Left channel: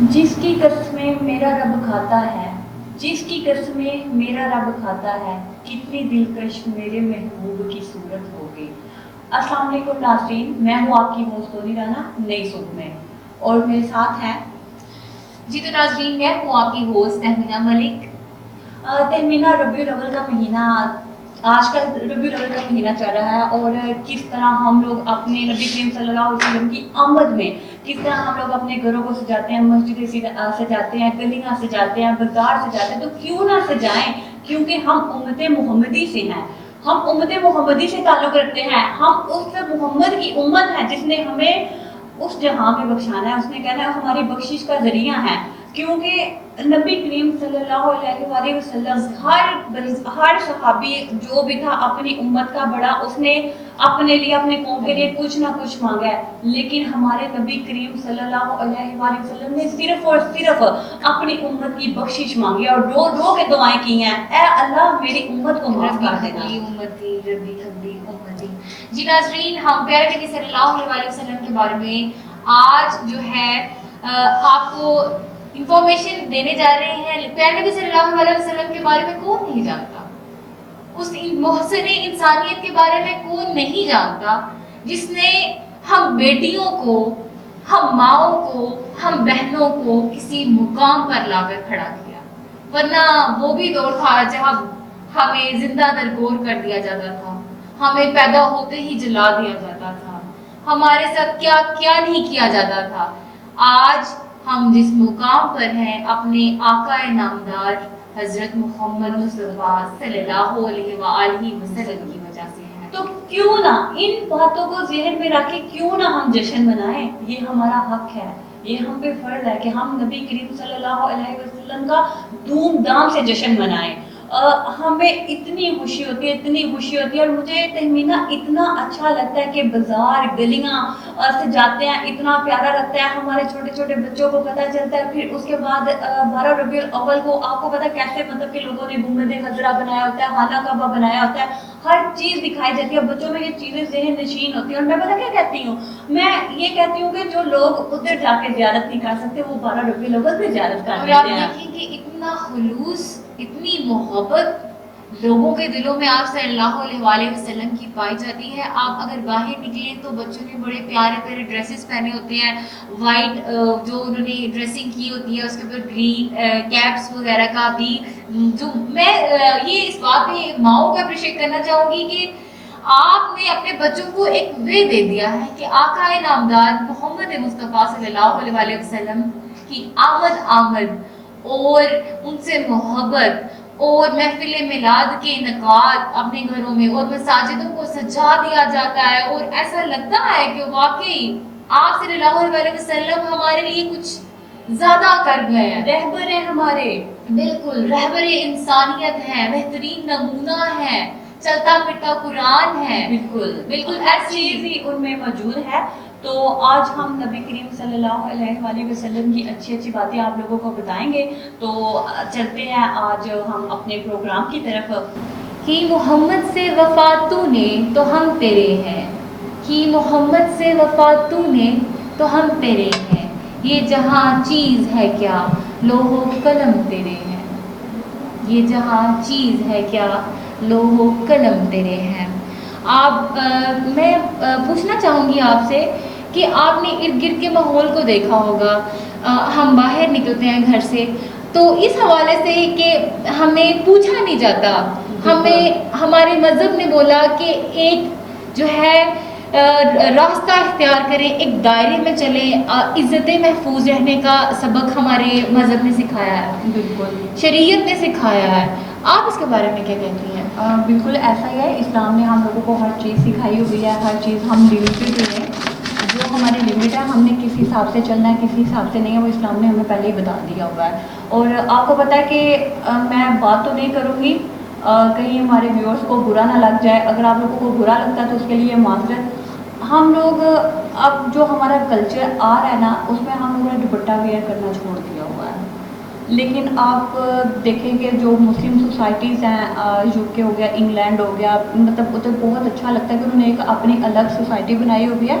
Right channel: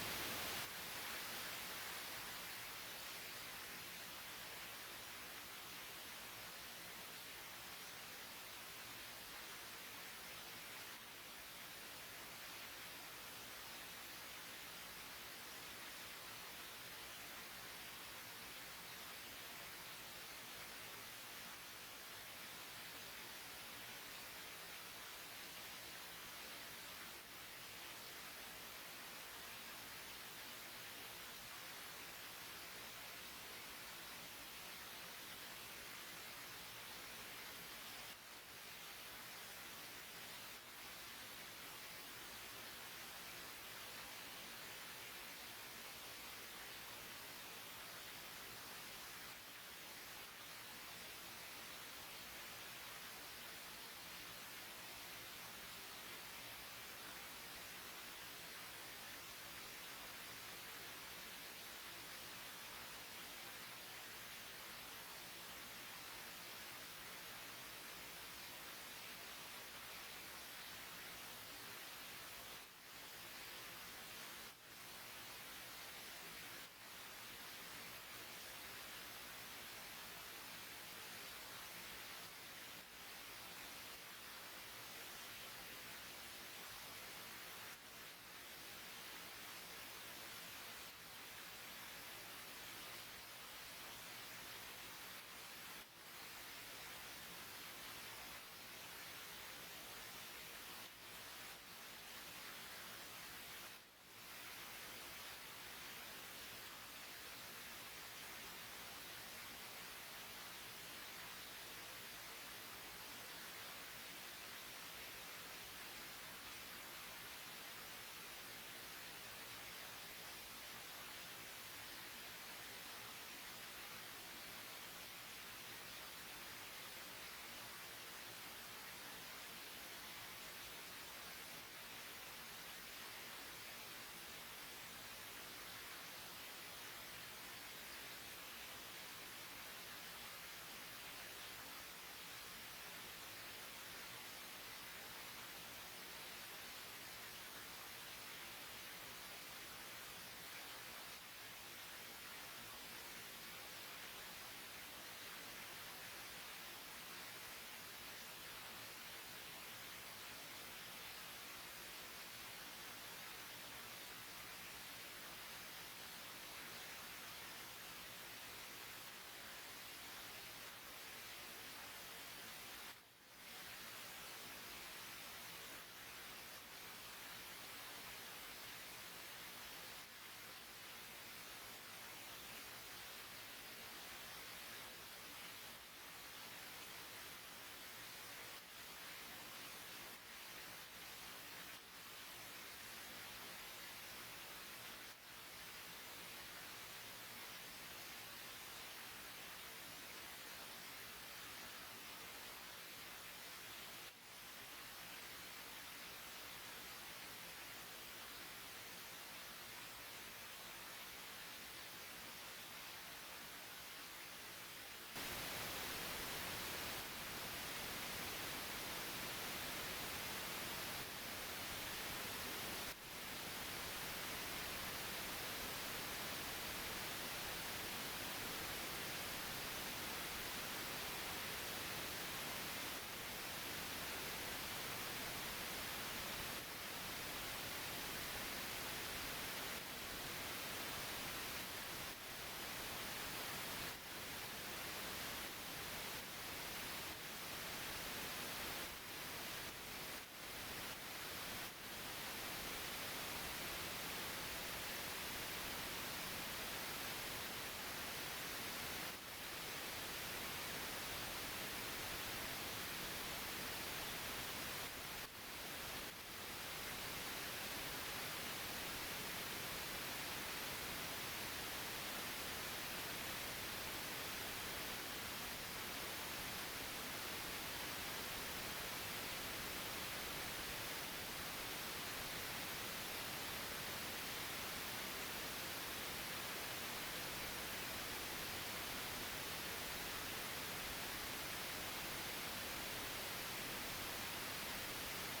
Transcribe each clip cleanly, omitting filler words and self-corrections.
جس کی قسمیں میرا رب کھاتا ہے، جس کی قسمیں میرا رب کھاتا ہے، کتنی دلکش میرے محبوب کی صورت ہوگی۔ السلام علیکم ناظرین، میں ہوں آپ کی ہوسٹ سونی رانا نئی صبح میں، اور میرے ساتھ ہیں جی تو ناظرین، میں ہوں آپ کی ہوسٹ تہمینہ ملک۔ تہمینہ، ربیع الاول کا مہینہ آج کل ربیع الاول کا مہینہ چل رہا ہے، اور کس طرح ہم لوگ اپنے نبی کریم صلی اللہ علیہ وسلم کی آمد میں کس طرح ہم لوگ اپنے گھروں کو سجاتے ہیں، مسجدیں سجاتے ہیں، گلیاں سجاتے ہیں، بازار سجاتے ہیں۔ تو کیوں نہ سجائیں، کیونکہ ہم امت محمدی سے ہیں، ہم امت محمدی سے تعلق رکھتے ہیں، ہم اس محمد کی امت ہیں جس نے ہمیں اس جہاں میں بخشانا ہے، اس نے کہنا ہے ہماری بخشش کا ذریعہ ہے۔ کیونکہ نبی کریم صلی اللہ علیہ وآلہ وسلم ہر صحابی جو بھی تھا اپنی امت کا بڑا، اس نے اپنے لیے اپنے قوم کے لیے کچھ نہ کچھ مانگا ہے، لیکن ہمارے نبی کریم صلی اللہ علیہ وآلہ وسلم نے صرف اور صرف اپنی امت کی بخشش مانگی اور رو رو کے دعائیں کی ہیں، اے اللہ میری امت کو معاف کر دینا۔ امتی ربی حبلی امتی۔ جی ناظرین، ہم پیارے نبی صلی اللہ علیہ وسلم کے بارے میں آج جو ہے آپ کو انفارمیشن دینے جا رہے ہیں۔ پیارے نبی صلی اللہ علیہ وسلم کے بارے میں کون نہیں جانتا؟ اس محسن انسانیت کے بارے میں کون نہیں جانتا جس نے ہم بیٹیوں کو، ہم ماؤں کو، ہم بہنوں کو کسی مقام پر لا کر کھڑا کیا؟ ورنہ وہ بھی دور تھا جہاں ہمیں زندہ درگور کر دیا جاتا تھا، ہمیں پیدا ہوتے ہی جلا دیا جاتا تھا، ہمارے ساتھ کیا کیا نہیں کیا جاتا تھا۔ آج ہم جس مقام پر ہیں اپنے آقا نامدار حضرت محمد مصطفیٰ صلی اللہ علیہ وآلہ وسلم کی وجہ سے ہیں۔ تو کیوں نہ ان باتوں کو ذہن میں رکھ کے کیوں نہ ہم جشن منائیں؟ یہ ہمارا حق ہے، یہ ہم پہ فرض ہے کہ ہم نبی کریم صلی اللہ علیہ وسلم کا دھوم دھام سے جشن منائیں۔ ہمیں اتنی خوشی ہوتی ہے، اتنی خوشی ہوتی ہے، اور مجھے تہمینہ اتنا اچھا لگتا ہے کہ بازار گلیاں سجاتے ہیں، اتنا پیارا لگتا ہے، ہمارے چھوٹے چھوٹے بچوں کو پتہ چلتا ہے۔ پھر اس کے بعد 12 ربیع الاول کو آپ کو پتہ کیسے مطلب کہ لوگوں نے گنبد خضرا بنایا ہوتا ہے، خانہ کعبہ بنایا ہوتا ہے، ہر چیز دکھائی جاتی ہے، بچوں میں یہ چیزیں ذہن نشین ہوتی ہیں۔ اور میں پتہ کیا کہتی ہوں، میں یہ کہتی ہوں کہ جو لوگ ادھر جا کے زیارت نہیں کر سکتے وہ 12 ربیع الاول پہ زیارت کر اور آپ لیتے ہیں۔ دیکھیں کہ اتنا خلوص، اتنی محبت لوگوں کے دلوں میں آپ صلی اللہ علیہ وآلہ وسلم کی پائی جاتی ہے۔ آپ اگر باہر نکلیں تو بچوں نے بڑے پیارے پیارے ڈریسز پہنے ہوتے ہیں، وائٹ جو انہوں نے ڈریسنگ کی ہوتی ہے، اس کے اوپر گرین کیپس وغیرہ کا بھی، جو میں یہ اس بات پہ ماؤں کو اپریشیٹ کرنا چاہوں گی کہ آپ نے اپنے بچوں کو ایک وے دے دیا ہے کہ آقا نامدار محمد مصطفیٰ صلی اللہ علیہ وآلہ وسلم کی آمد اور ان سے محبت اور محفل میلاد کے انعقاد اپنے گھروں میں اور مساجدوں کو سجا دیا جاتا ہے، اور ایسا لگتا ہے کہ واقعی آپ صلی اللہ علیہ وسلم ہمارے لیے کچھ زیادہ کر گئے ہیں، رہبر ہیں ہمارے، بالکل رہبر انسانیت ہیں، بہترین نمونہ ہے، چلتا پھرتا قرآن ہے، بالکل ہر چیز ہی ان میں موجود ہے۔ تو آج ہم نبی کریم صلی اللہ علیہ وآلہ وسلم کی اچھی اچھی باتیں آپ لوگوں کو بتائیں گے۔ تو چلتے ہیں آج ہم اپنے پروگرام کی طرف۔ کہ محمد سے وفا تو نے تو ہم تیرے ہیں، کہ محمد سے وفا تو نے تو ہم تیرے ہیں، یہ جہاں چیز ہے کیا لوح و قلم تیرے ہیں، یہ جہاں چیز ہے کیا لوح و قلم تیرے ہیں۔ میں پوچھنا چاہوں گی آپ سے کہ آپ نے ارد گرد کے ماحول کو دیکھا ہوگا، ہم باہر نکلتے ہیں گھر سے تو اس حوالے سے کہ ہمیں پوچھا نہیں جاتا، ہمیں ہمارے مذہب نے بولا کہ ایک جو ہے راستہ اختیار کریں، ایک دائرے میں چلیں، عزت محفوظ رہنے کا سبق ہمارے مذہب نے سکھایا ہے، بالکل شریعت نے سکھایا ہے۔ آپ اس کے بارے میں کیا کہتی ہیں؟ بالکل ایسا ہی ہے، اسلام نے ہم لوگوں کو ہر چیز سکھائی ہوئی ہے، ہر چیز ہم لمیٹڈ ہوئے ہیں، جو ہماری لمٹ ہے ہم نے کس حساب سے چلنا ہے، کس حساب سے نہیں ہے، وہ اسلام نے ہمیں پہلے ہی بتا دیا ہوا ہے۔ اور آپ کو پتہ ہے کہ میں بات تو نہیں کروں گی کہیں ہمارے ویورز کو برا نہ لگ جائے، اگر آپ لوگوں کو برا لگتا ہے تو اس کے لیے معذرت۔ ہم لوگ اب جو ہمارا کلچر آ رہا ہے نا، اس میں ہم لوگوں نے دوپٹہ ویئر کرنا چھوڑ دیا ہوا ہے، لیکن آپ دیکھیں کہ جو مسلم سوسائٹیز ہیں، یو کے ہو گیا، انگلینڈ ہو گیا، مطلب ادھر بہت اچھا لگتا ہے کہ انہوں نے ایک اپنی الگ سوسائٹی بنائی ہوئی ہے،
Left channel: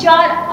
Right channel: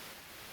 4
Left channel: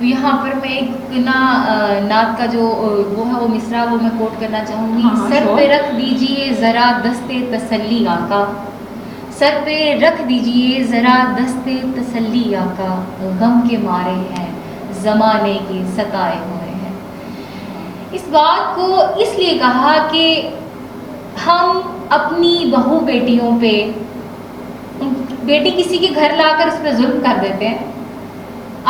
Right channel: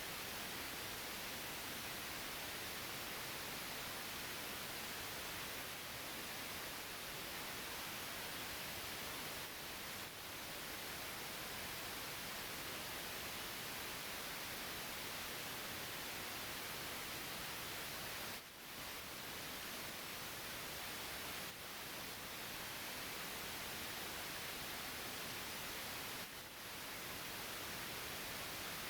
یہاں پر میں ایک نعت کا جو وہ ہے وہ مصرع وہ میں کوٹ کرنا چاہوں گی. ہاں سر sure. پہ رکھ دیجئے ذرا دستے تسلی آقا, سر پہ رکھ دیجئے ذرا دستے تسلی آقا, غم کے مارے ہیں زمانے کے ستائے ہوئے ہیں. اس بات کو اس لیے کہا کہ ہم اپنی بہو بیٹیوں پہ, بیٹی کسی کے گھر لا کر اس پہ ظلم کر دیتے ہیں,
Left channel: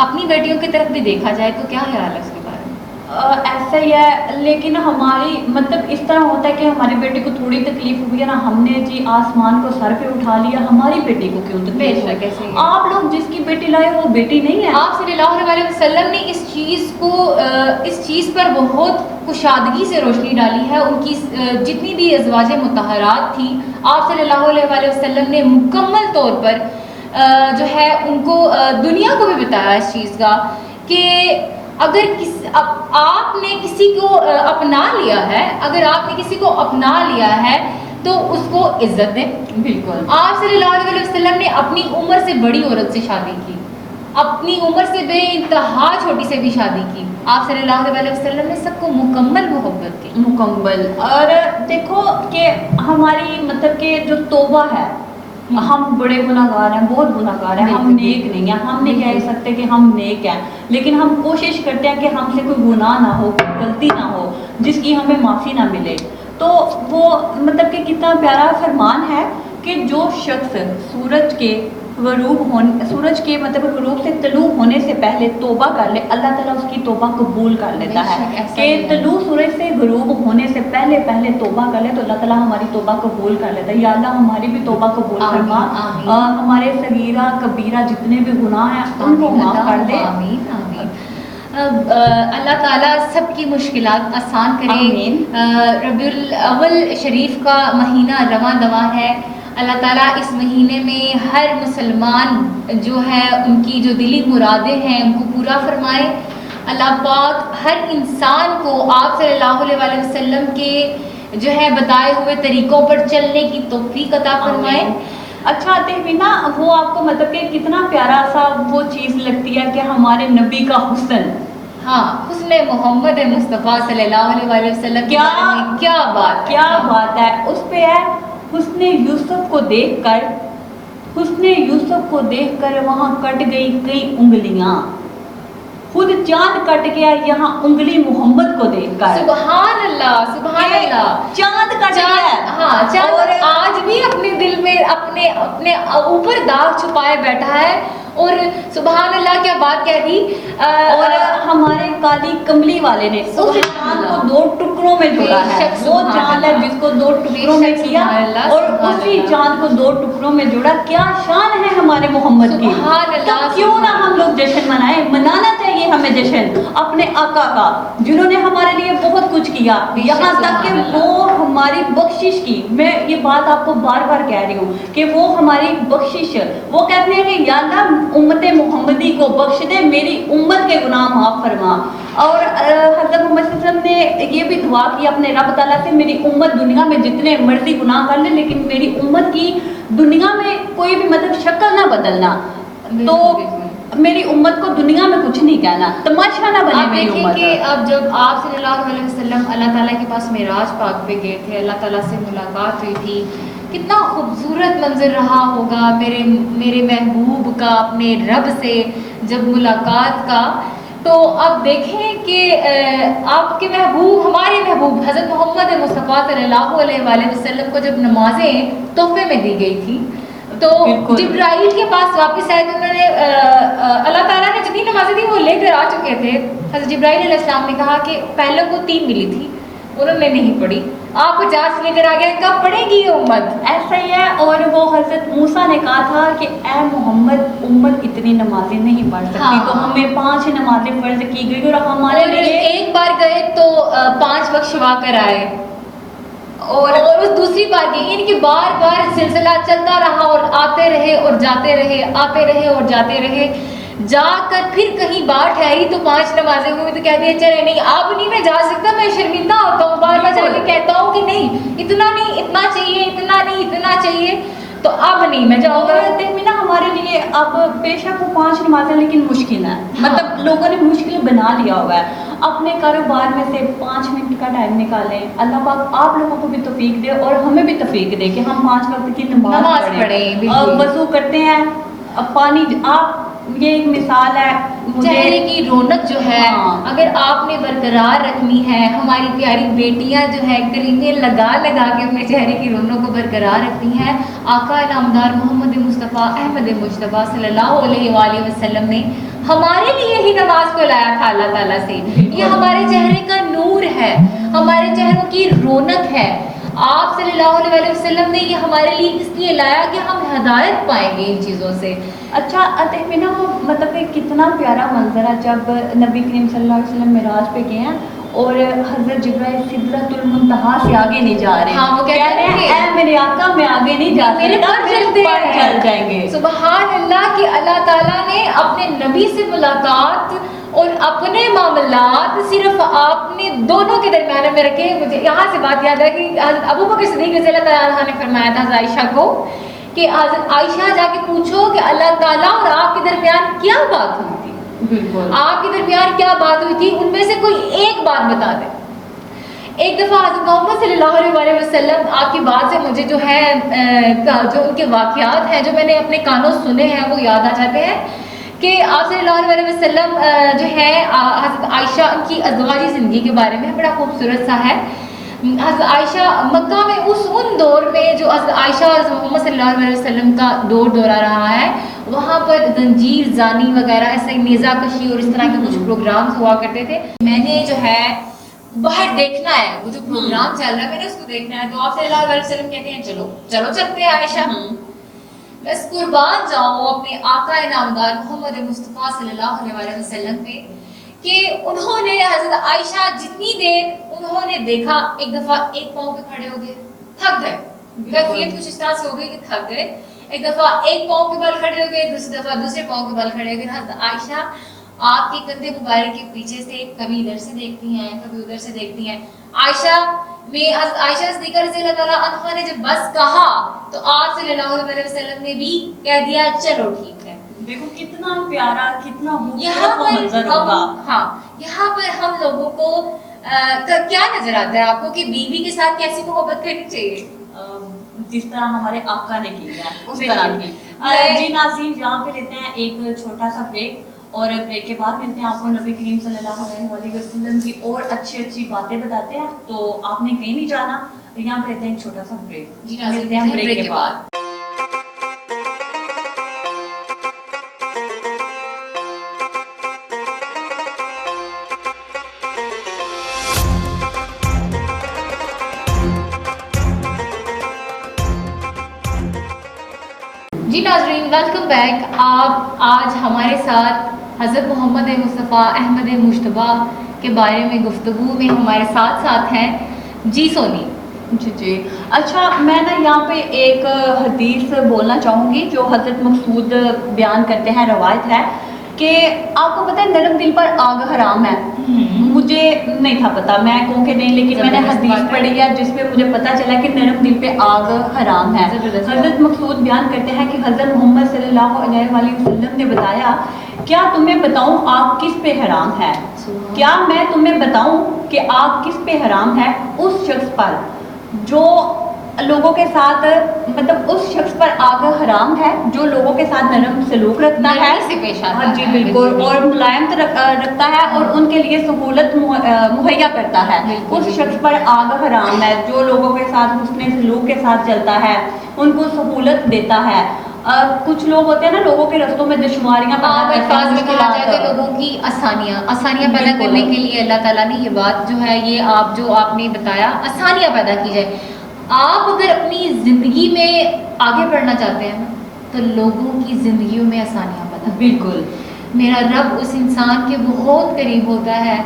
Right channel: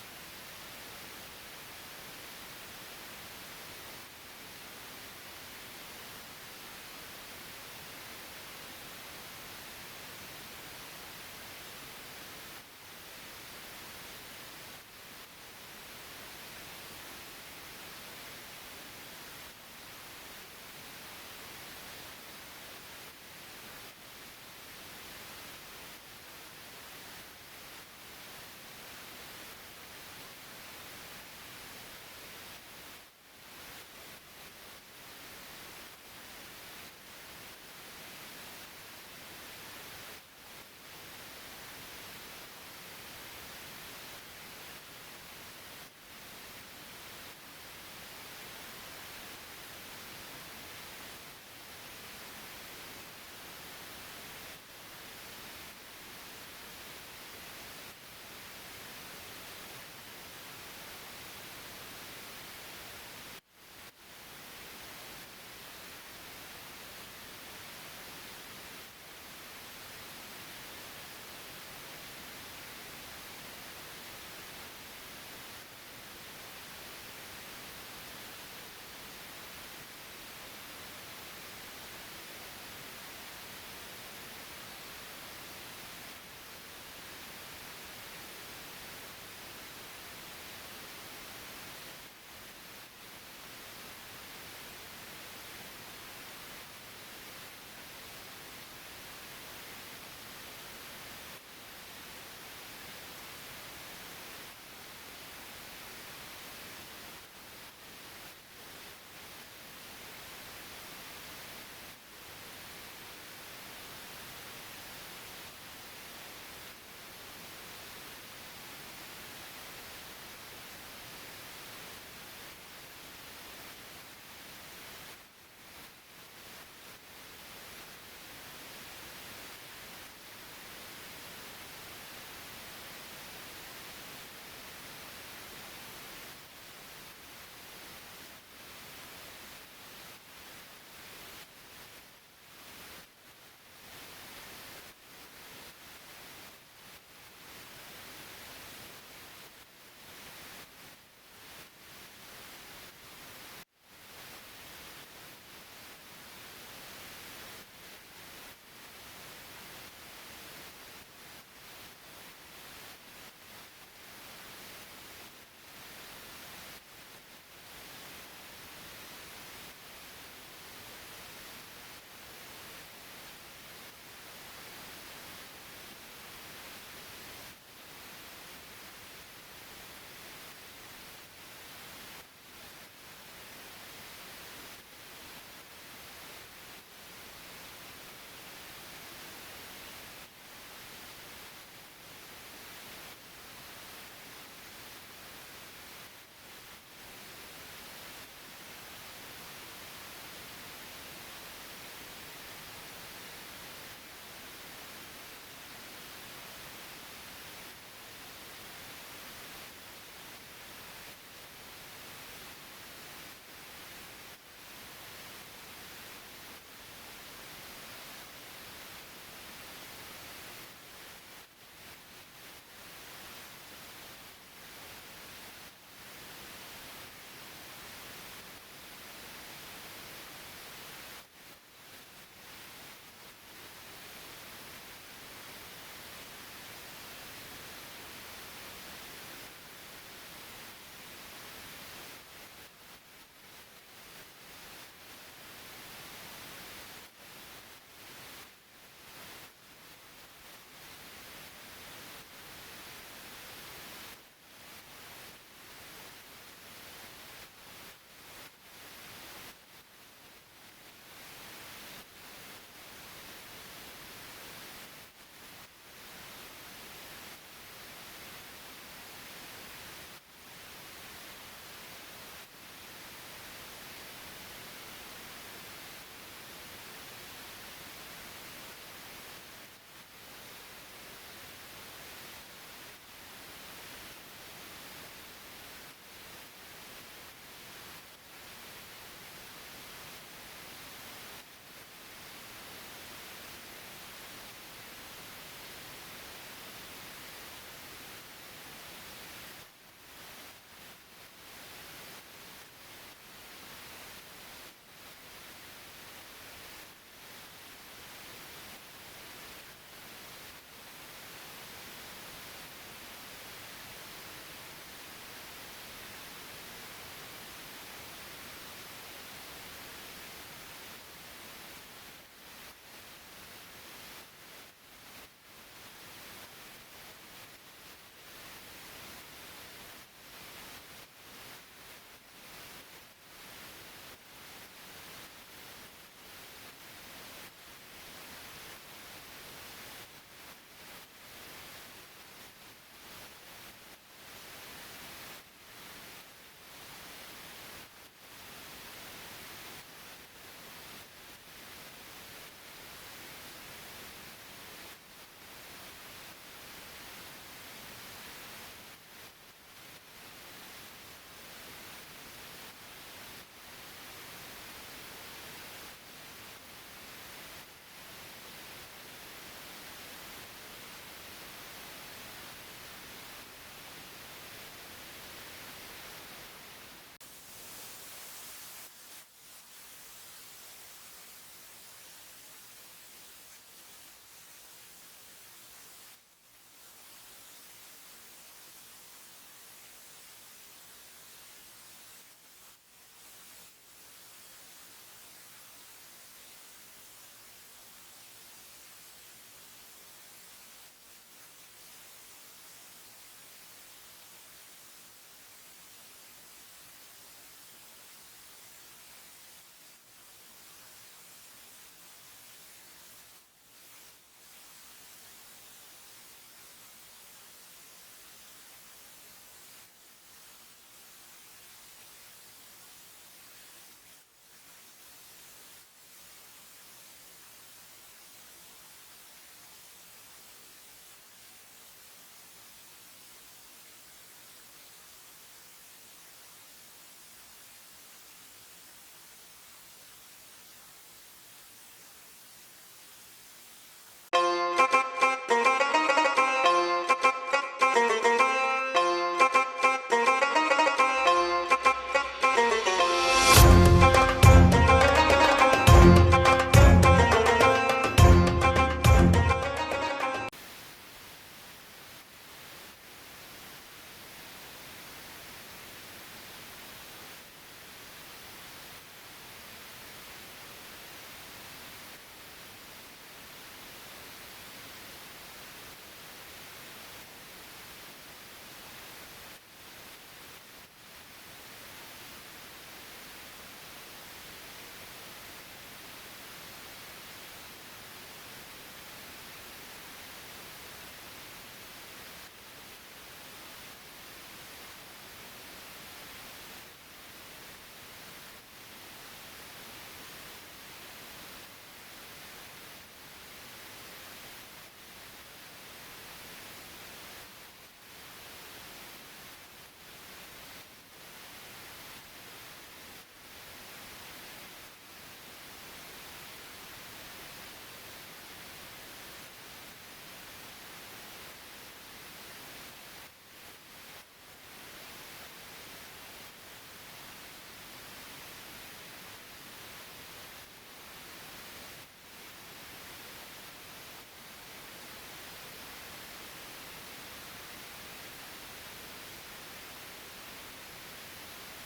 اپنی بیٹیوں کی طرف بھی دیکھا جائے تو کیا خیال ہے اس کے بارے میں؟ ایسا ہی ہے, لیکن ہماری مطلب اس طرح ہوتا ہے کہ ہمارے بیٹے کو تھوڑی تکلیف ہوئی ہے نا, ہم نے جی آسمان کو سر پہ اٹھا لیا, ہماری بیٹی کو کیوں تکلیف بے شک ہوئی؟ ایسے ہی ہے. آپ لوگ جس کی بیٹی لائے وہ بیٹی نہیں ہے. آپ صلی اللہ علیہ وسلم نے اس چیز پر بہت کشادگی سے روشنی ڈالی ہے. ان کی جتنی بھی ازواج مطہرات تھیں, آپ صلی اللہ علیہ وسلم نے مکمل طور پر جو ہے ان کو دنیا کو بھی بتایا اس چیز کا کہ اگر آپ نے کسی کو اپنا لیا ہے, اگر آپ نے کسی کو اپنا لیا ہے تو اس کو عزت دیں. بالکل. آپ صلی اللہ علیہ وسلم نے اپنی عمر سے بڑی عورت سے شادی کی, اپنی عمر سے بے انتہا چھوٹی سے بھی شادی کی. آپ صلی اللہ علیہ وسلم نے سب کو مکمل محبت کی. مکمل. اور دیکھو کہ ہماری مطلب کہ جو توبہ ہے, ہم بڑے گناہ گار ہیں, بہت گناہ گار ہیں, ہم نیک نہیں ہیں. ہم نہیں کہہ سکتے کہ ہم نیک ہیں, لیکن ہم کوشش کرتے ہیں کہ ہم سے کوئی گناہ نہ ہو, کوئی غلطی نہ ہو جس کی ہمیں معافی نہ ملے. تو وہ مطلب کہ کتنا پیارا فرمان ہے کہ جو شخص سورج کے مطلب غروب سے طلوع ہونے سے پہلے توبہ کر لے, اللہ تعالیٰ اس کی توبہ قبول کر لیتا ہے. کہ طلوع سورج سے غروب ہونے سے پہلے توبہ کر لے تو اللہ تعالیٰ ہماری توبہ قبول کر لیتا ہے. یا اللہ ہماری بھی توبہ قبول فرما, ہمارے صغیرہ کبیرہ جتنے بھی گناہ ہیں ان کو معاف کر دے. آمین آمین. اللہ تعالیٰ سب کی مشکلات آسان کرے. ربیع الاول شریف کا مہینہ رواں دواں ہے. اللہ تعالیٰ اس مہینے میں ہر مسلمان جو ہے ان کی جو دلی مرادیں ہیں ان کو پورا فرمائے. اللہ پاک ہر انسان کو آپ صلی اللہ علیہ وسلم کے جو ہے بتائے ہوئے طریقوں پر چلنے کی توفیق عطا فرمائے. اچھا تہمینا, وہ آپ کو مطلب کہ کتنا پیارا سا وہ چیز لگتی ہے کہ ہمارے نبی کا حسن, ہاں حسن محمد مصطفیٰ صلی اللہ علیہ وسلم کے بارے میں کیا بات ہے. اس پہ ہے حسن یوسف کو دیکھ کر وہاں کٹ گئی کئی انگلیاں, خود چاند کٹ گیا یہاں انگلی محمد کو دیکھ کر. سبحان اللہ, چاند کٹ گیا. ہاں, چاند آج بھی اپنے دل میں اپنے اوپر داغ چھپائے بیٹھا ہے. اور سبحان اللہ کیا بات کہہ دی. اور ہمارے قاضی کملی والے نے اس چاند کو 2 ٹکڑوں میں جوڑا ہے. وہ چاند ہے جس کو 2 ٹکڑوں میں کیا اور اسی چاند کو 2 ٹکڑوں میں جوڑا. کیا شان ہے ہمارے محمد کی. تو کیوں نہ ہم لوگ جشن منائیں, منانا چاہیے ہمیں جشن اپنے آقا کا, جنہوں نے ہمارے لیے بہت کچھ کیا, یہاں تک کہ وہ ہماری بخشش کی. میں یہ بات آپ کو بار بار کہہ رہی ہوں کہ وہ ہماری بخشش, وہ کہتے ہیں کہ یا اللہ امت محمدی کو بخش دے, میری امت کے گناہ معاف فرما. اور حضرت محمد صلی اللہ علیہ وسلم نے یہ بھی دعا کی اپنے رب تعالیٰ سے, میری امت دنیا میں جتنے مرضی گناہ کر لے لیکن میری امت کی دنیا میں کوئی بھی مطلب شکل نہ بدلنا. تو میری امت کو دنیا میں کچھ نہیں کہنا, تماشا نہ بنے میری امت. کہ اب جب آپ صلی اللہ علیہ وسلم اللہ تعالیٰ کے پاس معراج پاک پہ گئے تھے, اللہ تعالیٰ سے ملاقات ہوئی تھی, کتنا خوبصورت منظر رہا ہوگا میرے محبوب کا اپنے رب سے جب ملاقات کا. تو اب دیکھیں کہ آپ کے محبوب, ہمارے محبوب حضرت محمد مصطفیٰ صلی اللہ علیہ وسلم کو جب نمازیں تحفے میں دی گئی تھی تو جبرائیل کے پاس واپس آئے تو انہوں نے اللہ تعالیٰ نے جتنی نمازیں تھیں وہ لے کر آ چکے تھے. حضرت جبرائیل علیہ السلام نے کہا کہ پہلے کو 3 ملی تھی, انہوں نے نہیں پڑھی, آپ 50 لے کر آ گئے, کب پڑھے گی یہ امت. ایسا ہی ہے. اور وہ حضرت موسیٰ نے کہا تھا کہ اے محمد امت اتنی نمازیں نہیں پڑھ سکتی, تو ہمیں 5 نمازیں فرض کی گئی. اور ہمارے لیے ایک بار گئے تو 5 وقت شوا کر آئے, اور اس دوسری بار گئی, یعنی کہ بار بار سلسلہ چلتا رہا اور آتے رہے اور جاتے رہے, آتے رہے اور جاتے رہے. جا کر پھر کہیں بار ٹھہری تو 5 نمازیں ہوئی تو کہہ دیا چلے نہیں اب نہیں میں جا سکتا, میں شرمندہ ہوتا ہوں, بار بار جا کے کہتا ہوں کہ نہیں اتنا نہیں, اتنا چاہیے, اتنا نہیں, اتنا چاہیے. تو اب نہیں میں جاؤں گا. اور تہمینہ ہمارے لیے اب بے شک وہ 5 نمازیں لیکن مشکل ہے. مطلب لوگوں نے مشکل بنا لیا ہوا ہے. اپنے کاروبار میں سے 5 منٹ کا ٹائم نکالیں. اللہ پاک آپ لوگوں کو بھی توفیق دے اور ہمیں بھی توفیق دے کہ ہم 5 وقت کی نماز پڑھیں. وضو کرتے ہیں, پانی, آپ یہ ایک مثال ہے. چہرے کی رونق جو ہے اگر آپ نے برقرار رکھنی ہے, ہماری پیاری بیٹیاں جو ہے کریمیں لگا لگا کے اپنے چہرے کی رونق کو برقرار رکھتی ہیں. آقا نامدار محمد مصطفیٰ احمد مجتبیٰ صلی اللہ علیہ وآلہ وسلم نے ہمارے لیے ہی نماز کو لایا تھا اللہ تعالیٰ سے. یہ ہمارے چہرے کا نور ہے, ہمارے چہروں کی رونق ہے. آپ صلی اللہ علیہ وسلم نے یہ ہمارے لیے اس لیے لایا کہ ہم ہدایت پائیں گے ان چیزوں سے. اچھا تہمینہ, مطلب کہ کتنا پیارا منظر ہے جب نبی کریم صلی اللہ علیہ وسلم معراج پہ گئے ہیں اور حضرت جبرائیل سدرۃ المنتہا سے آگے نہیں جا رہے. ہاں, وہ کہہ رہے ہیں اے میرے آقا میں آگے نہیں جا میرے پر چل جائیں گے. سبحان اللہ کہ اللہ تعالیٰ نے اپنے نبی سے ملاقات اور اپنے معاملات صرف آپ نے دونوں کے درمیان میں رکھے. مجھے یہاں سے بات یاد ہے کہ حضرت ابو بکر صدیق رضی اللہ تعالیٰ عنہ نے فرمایا تھا حضرت عائشہ کو کہ حضرت عائشہ جا کے پوچھو کہ اللہ تعالیٰ اور آپ کے درمیان کیا بات ہوئی تھی. بالکل, آپ کے درمیان کیا بات ہوئی تھی, ان میں سے کوئی ایک بات بتا دیں. ایک دفعہ حضرت محمد صلی اللہ علیہ وسلم آپ کی بات سے مجھے جو ہے جو ان کے واقعات ہیں جو میں نے اپنے کانوں سنے ہیں وہ یاد آ جاتے ہیں کہ آپ صلی اللہ علیہ وسلم جو ہے حضرت عائشہ ان کی ازدواجی زندگی کے بارے میں بڑا خوبصورت سا ہے. حضرت عائشہ مکہ میں ان دور میں جو حضرت عائشہ اور حضرت محمد صلی اللہ علیہ وسلم کا دورہ رہا ہے, وہاں پر زنجیر زانی وغیرہ ایسے نیزہ کشی اور اس طرح کے کچھ پروگرامز ہوا کرتے تھے. میں نے جو ہے باہر دیکھنا ہے, وہ جو پروگرام چل رہا ہے میں نے اس کو دیکھنا ہے. تو آپ صلی اللہ علیہ وسلم کہتے ہیں چلو چلو چلتے ہیں عائشہ. بس قربان جاؤں اپنے آقا نامدار محمد مصطفیٰ صلی اللہ علیہ وسلم پہ کہ انہوں نے حضرت عائشہ جتنی دیر انہوں نے دیکھا, ایک دفعہ ایک پاؤں پہ کھڑے ہو گئے, تھک گئے. کیفیت کچھ اس طرح سے ہو گئی کہ تھک گئے. ایک دفعہ ایک پاؤں کے بل کھڑے ہو گئے, دوسری دفعہ دوسرے پاؤں کے بل کھڑے ہو گئے. حضرت عائشہ آپ کے کندھے مبارک کے پیچھے سے کبھی ادھر سے دیکھتی ہیں کبھی ادھر سے دیکھتی ہیں. عائشہ میں حضرت عائشہ صدیقہ رضی اللہ تعالیٰ عنہا نے جب بس کہا تو آپ صلی اللہ علیہ وسلم نے بھی کہہ دیا چلو ٹھیک ہے. دیکھو کتنا پیارا, کتنا یہاں منظر ہوگا. ہاں, یہاں پر ہم لوگوں کو کیا نظر آتا ہے آپ کو کہ بیوی کے ساتھ کیسی محبت کرنی چاہیے؟ جس طرح ہمارے آقا نے کی ہے اس طرح کی. جی ناظرین, یہاں پہ لیتے ہیں ایک چھوٹا سا بریک اور بریک کے بعد ملتے ہیں آپ کو نبی کریم صلی اللہ علیہ وسلم کی اور اچھی باتیں بتاتے ہیں. تو آپ نے کہیں نہیں جانا, یہاں پہ لیتے ہیں ایک چھوٹا سا بریک. جی ملتے ہیں بریک کے بعد. جی ناظرین, ویلکم بیک. آپ آج ہمارے ساتھ حضرت محمد مصطفیٰ احمد مجتبیٰ کے بارے میں گفتگو میں ہمارے ساتھ ہیں. جی سونی. جی اچھا, میں نا یہاں پہ ایک حدیث بولنا چاہوں گی جو حضرت مقصود بیان کرتے ہیں. روایت ہے کہ آپ کو پتہ ہے نرم دل پر آگ حرام ہے. مجھے نہیں تھا پتا, میں کہوں کہ نہیں, لیکن میں نے حدیث پڑھی ہے جس پہ مجھے پتا چلا کہ نرم دل پہ آگ حرام ہے. حضرت مقصود بیان کرتے ہیں کہ حضرت محمد صلی اللہ علیہ وسلم نے بتایا, کیا تمہیں بتاؤں آگ کس پہ حرام ہے؟ کیا میں تمہیں بتاؤں کہ آگ کس پہ حرام ہے؟ اس شخص پر جو لوگوں کے ساتھ, مطلب اس شخص پر آگ حرام ہے جو لوگوں کے ساتھ نرم سلوک رکھتا ہے, ہاں جی بالکل, اور ملائمت رکھتا ہے اور ان کے لیے سہولت مہیا کرتا ہے. اس شخص پر آگ حرام ہے جو لوگوں کے ساتھ حسن سلوک کے ساتھ چلتا ہے, ان کو سہولت دیتا ہے. کچھ لوگ ہوتے ہیں نا لوگوں کے رستوں میں دشواریاں لوگوں کی آسانیاں پیدا کرنے کے لیے اللہ تعالیٰ نے یہ بات جو ہے, یہ آپ نے بتایا, آسانیاں پیدا کی جائے. آپ اگر اپنی زندگی میں آگے بڑھنا چاہتے ہیں تو لوگوں کی زندگیوں میں آسانیاں پیدا. بالکل, میرا رب اس انسان کے بہت قریب ہوتا ہے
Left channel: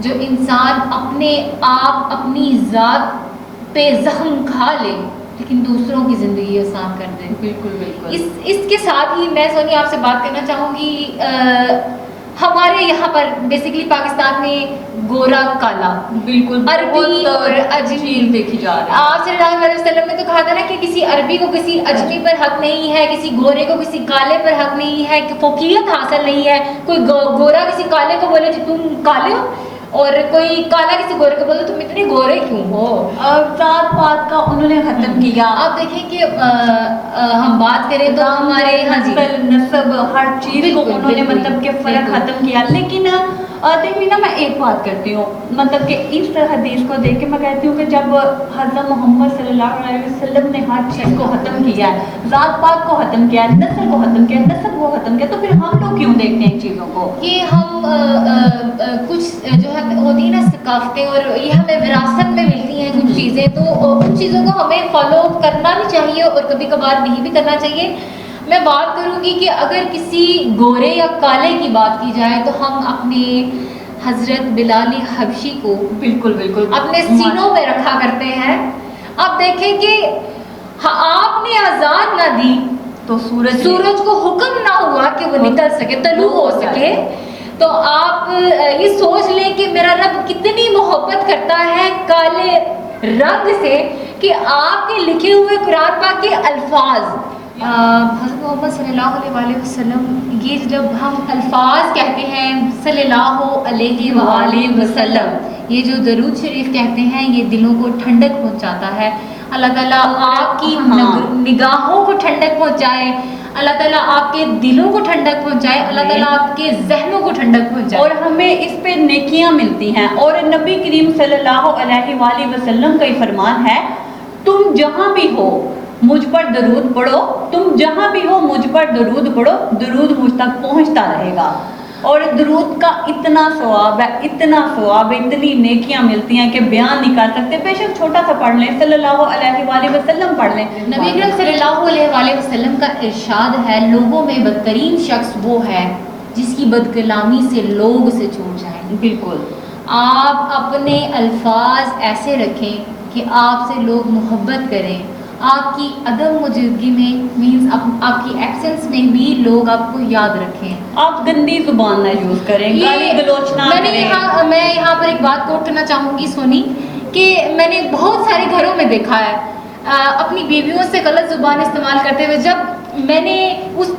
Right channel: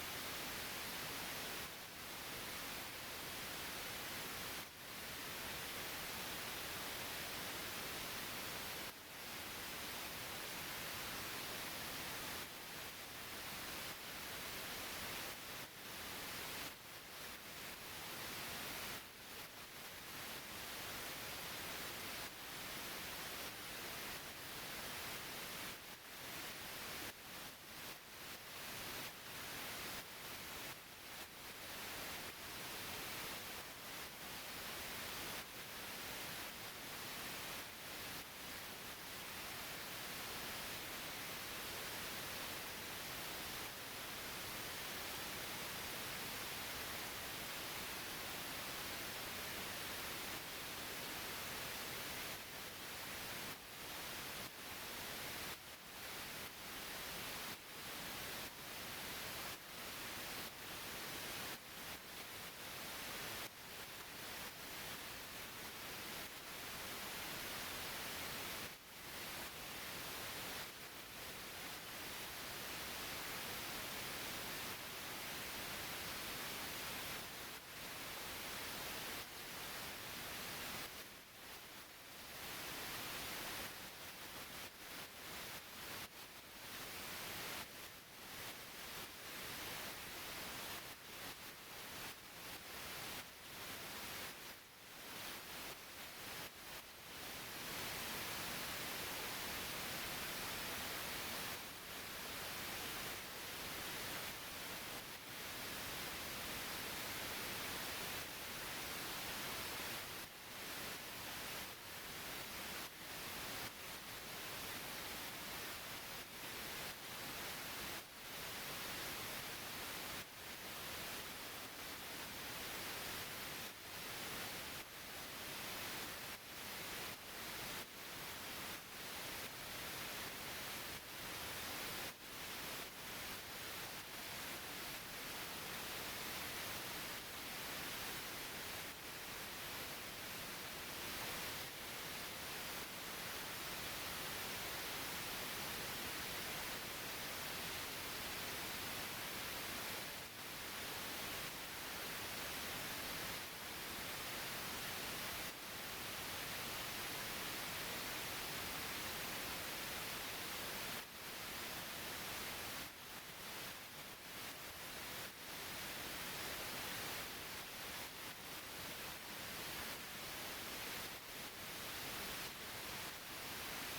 جو انسان اپنے آپ اپنی ذات پہ زخم کھا لے لیکن دوسروں کی زندگی آسان کر دے. بالکل بالکل. اس کے ساتھ ہی میں سونی آپ سے بات کرنا چاہوں گی ہمارے یہاں پر بیسیکلی پاکستان میں گورا کالا بالکل عربی اور اجمی دیکھی جا رہی ہے. آپ صلی اللہ علیہ وسلم نے تو کہا تھا نا کہ کسی عربی کو کسی اجمی پر حق نہیں ہے, کسی گورے کو کسی کالے پر حق نہیں ہے, کہ فوقیت حاصل نہیں ہے. کوئی گورا کسی کالے کو بولے کہ تم کالے ہو, اور کوئی کالا کسی گورے کو بولے تم اتنے گورے کیوں ہو. ذات پات کا انہوں نے ختم کیا. آپ دیکھیں کہ ہم بات کریں تو ہمارے نسب ہر چیز کو انہوں نے مطلب کہ فرق ختم کیا. لیکن دیکھیے نا, میں ایک بات کرتی ہوں, مطلب کہ اس حدیث کو دیکھ کے میں کہتی ہوں کہ جب حضرت محمد صلی اللہ علیہ وسلم نے ہر چیز کو ختم کیا ہے, ذات پات کو ختم کیا ہے, نسل کو ختم کیا ہے, نسب کو ختم کیا, تو پھر ہم لوگ کیوں دیکھتے ہیں ان چیزوں کو؟ یہ ہم کچھ جو ہے ہوتی ہیں نا ثقافتیں, اور یہ ہمیں وراثت میں ملتی ہیں کچھ چیزیں, تو ان چیزوں کو ہمیں فالو کرنا بھی چاہیے اور کبھی کبھار نہیں بھی کرنا چاہیے. میں بات کروں گی کہ اگر کسی گورے یا کالے کی بات کی جائے تو ہم اپنے حضرت بلال حبشی کو بالکل بالکل اپنے سینوں میں رکھا کرتے ہیں. آپ دیکھیں کہ آپ نے اذان نہ دی تو سورج کو حکم نہ ہوا کہ وہ نکل سکے, طلوع ہو سکے. تو آپ یہ سوچ لیں کہ میرا رب کتنی محبت کرتا ہے کالے رنگ سے, کہ آپ کے لکھے ہوئے قرآن پاک کے الفاظ حضرت محمد صلی اللہ علیہ وسلم, یہ جب ہم الفاظ کہتے ہیں صلی اللہ علیہ وآلہ وسلم, یہ جو درود شریف کہتے ہیں, یہ دلوں کو ٹھنڈک پہنچاتا ہے. اللہ تعالیٰ آپ کی نگاہوں کو ٹھنڈک پہنچائے, اللہ تعالیٰ آپ کے دلوں کو ٹھنڈک پہنچائے, اللہ تعالیٰ آپ کے ذہنوں کو ٹھنڈک پہنچائے, اور ہمیں اس پہ نیکیاں ملتی ہیں. اور نبی کریم صلی اللہ علیہ وآلہ وسلم کا یہ فرمان ہے, تم جہاں بھی ہو مجھ پر درود پڑھو, تم جہاں بھی ہو مجھ پر درود پڑھو, درود مجھ تک پہنچتا رہے گا. اور درود کا اتنا ثواب ہے, اتنا ثواب ہے, اتنی نیکیاں ملتی ہیں کہ بیان نہیں کر سکتے. بے شک چھوٹا سا پڑھ لیں, صلی اللہ علیہ وآلہ وسلم پڑھ لیں. نبی اکرم صلی اللہ علیہ وآلہ وسلم کا ارشاد ہے, لوگوں میں بدترین شخص وہ ہے جس کی بدکلامی سے لوگ اسے چھوڑ جائیں. بالکل, آپ اپنے الفاظ ایسے رکھیں کہ آپ سے لوگ محبت کریں. آپ کی عدم موجودگی میں مینس آپ کی ایبسنس میں بھی لوگ آپ کو یاد رکھیں. آپ گندی زبان نہ یوز کریں, گالی گلوچ نہ کریں. میں یہاں پر ایک بات کوٹ کرنا چاہوں گی سونی, کہ میں نے بہت سارے گھروں میں دیکھا ہے اپنی بیویوں سے غلط زبان استعمال کرتے ہوئے. جب میں نے اس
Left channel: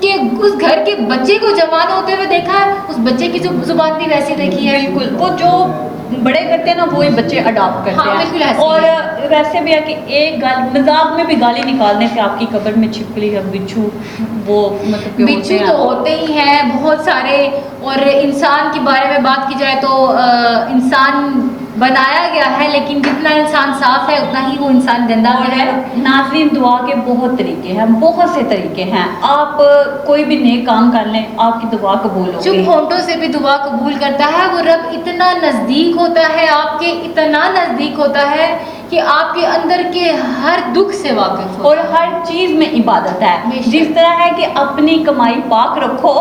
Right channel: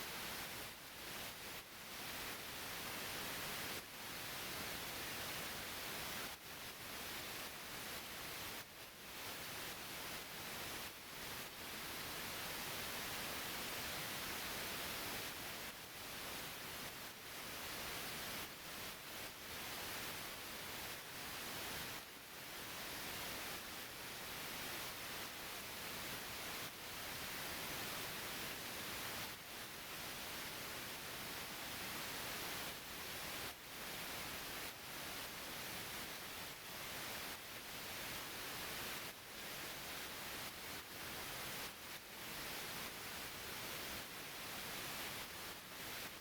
گھر کے بچے کو جوان ہوتے ہوئے دیکھا ہے, اس بچے کی زبان بھی ویسی دیکھی ہے. بالکل, وہ جو بڑے کرتے ہیں نا وہی بچے اڈاپٹ کرتے ہیں. بالکل ایسے. اور ویسے بھی ہے کہ ایک مذاق میں بھی گالی نکالنے سے آپ کی قبر میں چھپکلی یا بچھو, وہ مطلب بچھو تو ہوتے ہی ہیں بہت سارے. اور انسان کے بارے میں بات کی جائے تو انسان بنایا گیا ہے, لیکن جتنا انسان صاف ہے اتنا ہی وہ انسان گندا ہے. ناظرین, دعا کے بہت طریقے ہیں, بہت سے طریقے ہیں. آپ کوئی بھی نیک کام کر لیں, آپ کی دعا قبول ہوگی. چپ ہونٹوں سے بھی دعا قبول کرتا ہے. وہ رب اتنا نزدیک ہوتا ہے آپ کے, اتنا نزدیک ہوتا ہے کہ آپ کے اندر کے ہر دکھ سے واقف ہو, اور ہر چیز میں عبادت ہے. جس طرح ہے کہ اپنی کمائی پاک رکھو,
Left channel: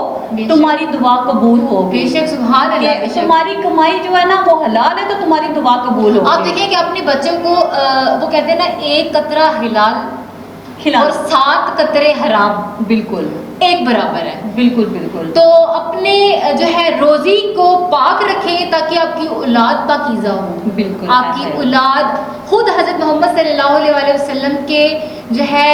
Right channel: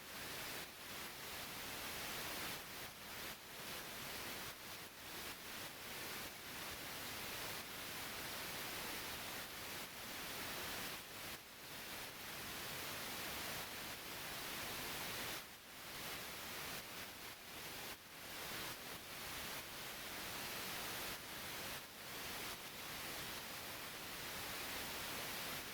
تمہاری دعا قبول ہوگی. بے شک, سبحان اللہ. تمہاری کمائی جو ہے نا وہ حلال ہے تو تمہاری دعا قبول ہوگی. آپ دیکھیں کہ اپنے بچوں کو وہ کہتے ہیں نا, ایک قطرہ حلال اور 7 قطرے حرام بالکل ایک برابر ہے. بالکل بالکل. تو اپنے جو ہے روزی کو پاک رکھیں تاکہ آپ کی اولاد پاکیزہ ہو. بالکل, آپ کی اولاد خود حضرت محمد صلی اللہ علیہ وسلم کے جو ہے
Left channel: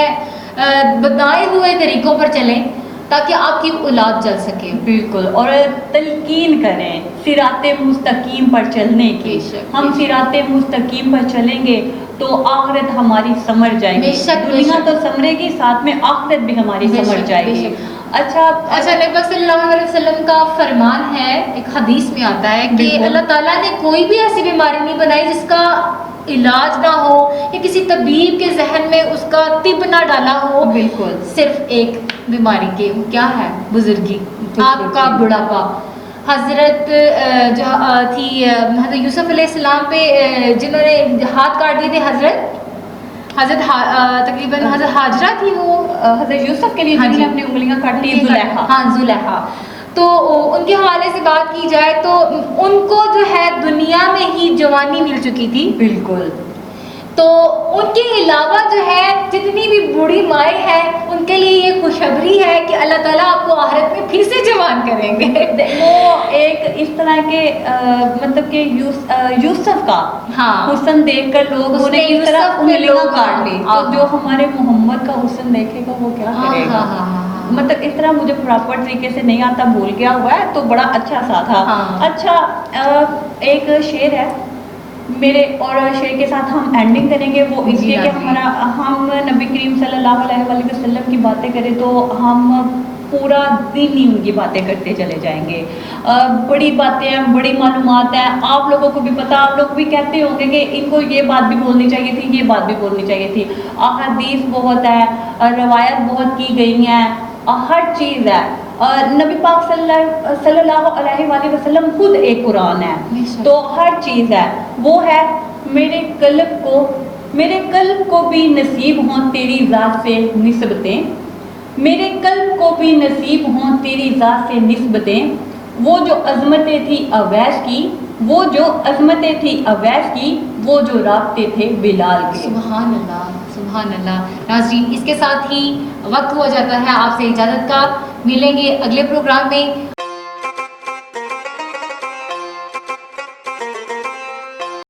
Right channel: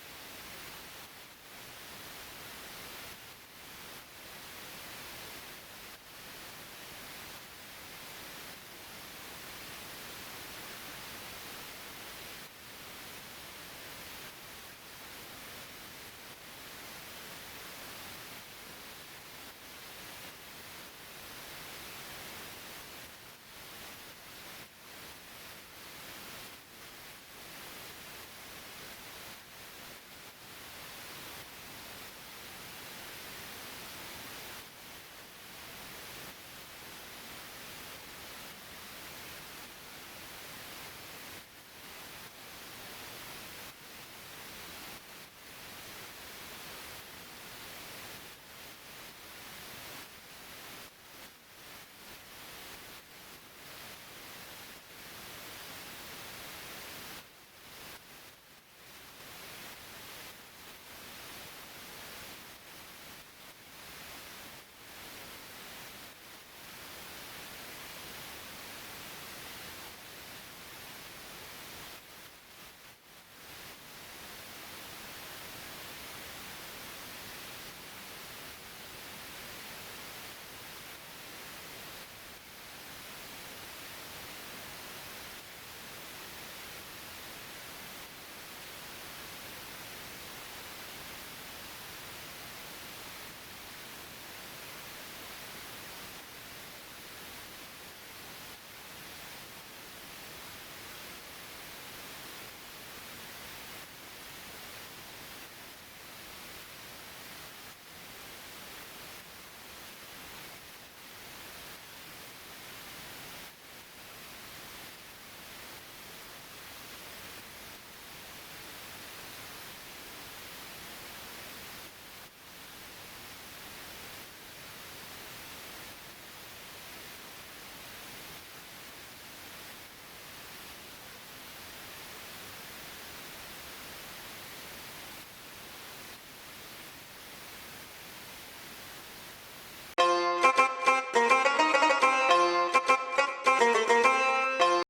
بتائے ہوئے طریقوں پر چلیں تاکہ آپ کی اولاد چل سکے. بالکل, اور تلقین کریں صراط مستقیم پر چلنے کی. ہم صراط مستقیم پر چلیں گے تو آخرت ہماری سمر جائے گی. دنیا تو سمرے گی, ساتھ میں آخرت بھی ہماری سمر جائے گی. اچھا, نبی صلی اللہ علیہ وسلم کا فرمان ہے, ایک حدیث میں آتا ہے کہ اللہ تعالیٰ نے کوئی بھی ایسی بیماری نہیں بنائی جس کا علاج نہ ہو, یا کسی طبیب کے ذہن میں اس کا طب نہ ڈالا ہو. بالکل, صرف ایک بیماری کے, وہ کیا ہے؟ بزرگی, آپ کا بڑھاپا. حضرت جو تھی حضرت یوسف علیہ السلام پہ جنہوں نے ہاتھ کاٹ دیے تھے, حضرت تقریباً حضرت حاجرہ تھی, وہ حضرت یوسف کے لیے جنہوں نے اپنی انگلیاں کاٹ لی, زلیخا. تو ان کے حوالے سے بات کی جائے تو ان کو جو ہے دنیا میں ہی جوانی مل چکی تھی. بالکل, تو ان کے علاوہ جو ہے جتنی بھی بوڑھی مائیں ہیں ان کے لیے یہ خوشخبری ہے کہ اللہ تعالیٰ آپ کو آخرت میں پھر سے جوان کریں گے. وہ ایک اس طرح کے مطلب کہ یوسف کا ہاں حسن دیکھ کر لوگ اس نے انہیں کس طرح یوسف پہ انگلیاں لوگ کاٹ لی, ہاں. تو جو ہمارے محمد کا حسن دیکھے گا وہ کیا کرے گا. مطلب اس طرح مجھے پراپر طریقے سے نہیں آتا, بھول گیا ہوا ہے, تو بڑا اچھا سا تھا. ہاں. اچھا ایک شعر ہے میرے, اور شعر کے ساتھ ہم اینڈنگ کریں گے. وہ اس جی لیے کہ ناظرین. ہم نبی کریم صلی اللہ علیہ وآلہ وسلم کی باتیں کریں تو ہم پورا دن ہی ان کی باتیں کرتے چلے جائیں گے. بڑی باتیں ہیں, بڑی معلومات ہیں, آپ لوگوں کو بھی پتہ, آپ لوگ بھی کہتے ہوں گے کہ ان کو یہ بات بھی بولنی چاہیے تھی, یہ بات بھی بولنی چاہیے تھی. احادیث بہت ہے, روایت بہت کی گئی ہیں, ہر چیز ہے. نبی پاک صلی اللہ علیہ وآلہ وسلم خود ایک قرآن ہے, تو ہر چیز ہے. وہ ہے میرے قلب کو بھی نصیب ہوں تیری ذات سے نسبتیں, میرے قلب کو بھی نصیب ہوں تیری ذات سے نسبتیں, وہ جو عظمتیں تھی اویس کی, وہ جو عظمتیں تھی اویس کی, وہ جو رابطے تھے بلال کے. سبحان اللہ سبحان اللہ. ناظرین اس کے ساتھ ہی وقت ہوا جاتا ہے آپ سے اجازت کا. ملیں گے اگلے پروگرام میں.